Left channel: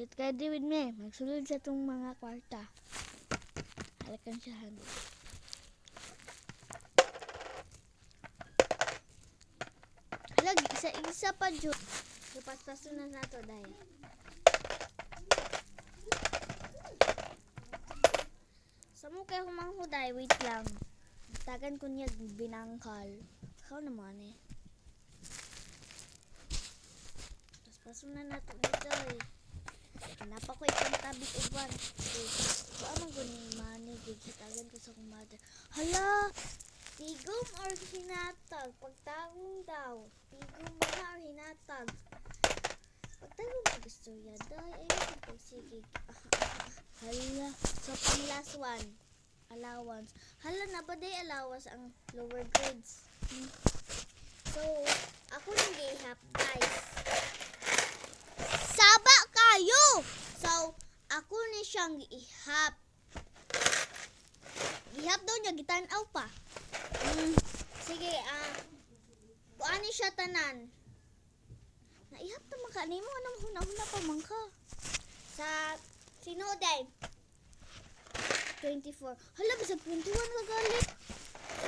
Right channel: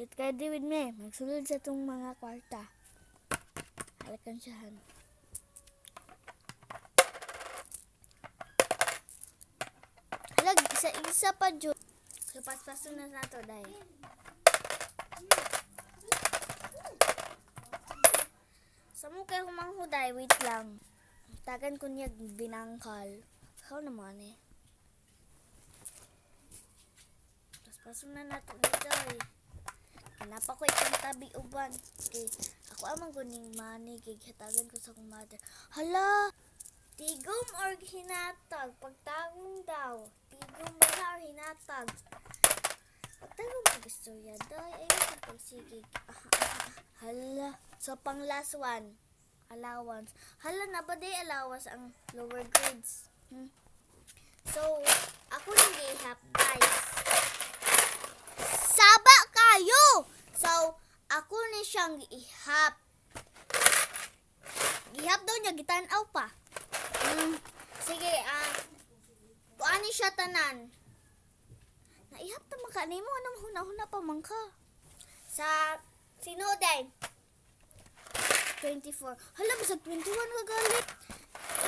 Get ready with me. Magsulod sa itong mga kwarta. Halakan siyahan. Halag, isa pa dyan. Kapaspaso na nato dahil. Sa mo kayo humanghuday, wait lang. Tagan ko niya binangkal. Ikaw naman eh. Paspaso na nato dito eh. Hanap ako itong tabi uban. Okay. Ako amang kuning money. Gigitagan ko sa kong mother. Hala! Tigom or hinatag? Pagtagong daw. Tigom wala or hinatag? Pagtagong mag-istorya daw. Sige. Hala. So, pang last one. Allowance. Hala na ba day allowance ang lower grades? So, ako nang gihap guys. Saba kayo! So, ako na siyang ihap. Ihap daw niya, gitanaw pa. Sige, kuan ni siya tanan. Naihap ta man ka nimo, anong huna-huna pa man ka. Sa, sino day? 24. Hala, basag 21 ka galit.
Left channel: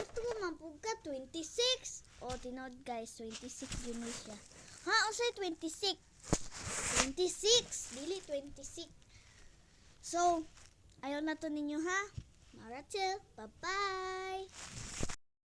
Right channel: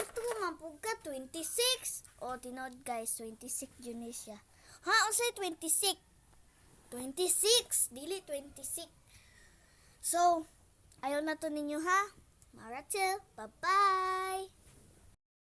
Ito ka mampug ka, 26. O, tinod guys, 26 yun siya. Ha, o say 26. 26. Dili 26. So, ayaw na to ninyo ha. Maratil. Bye-bye.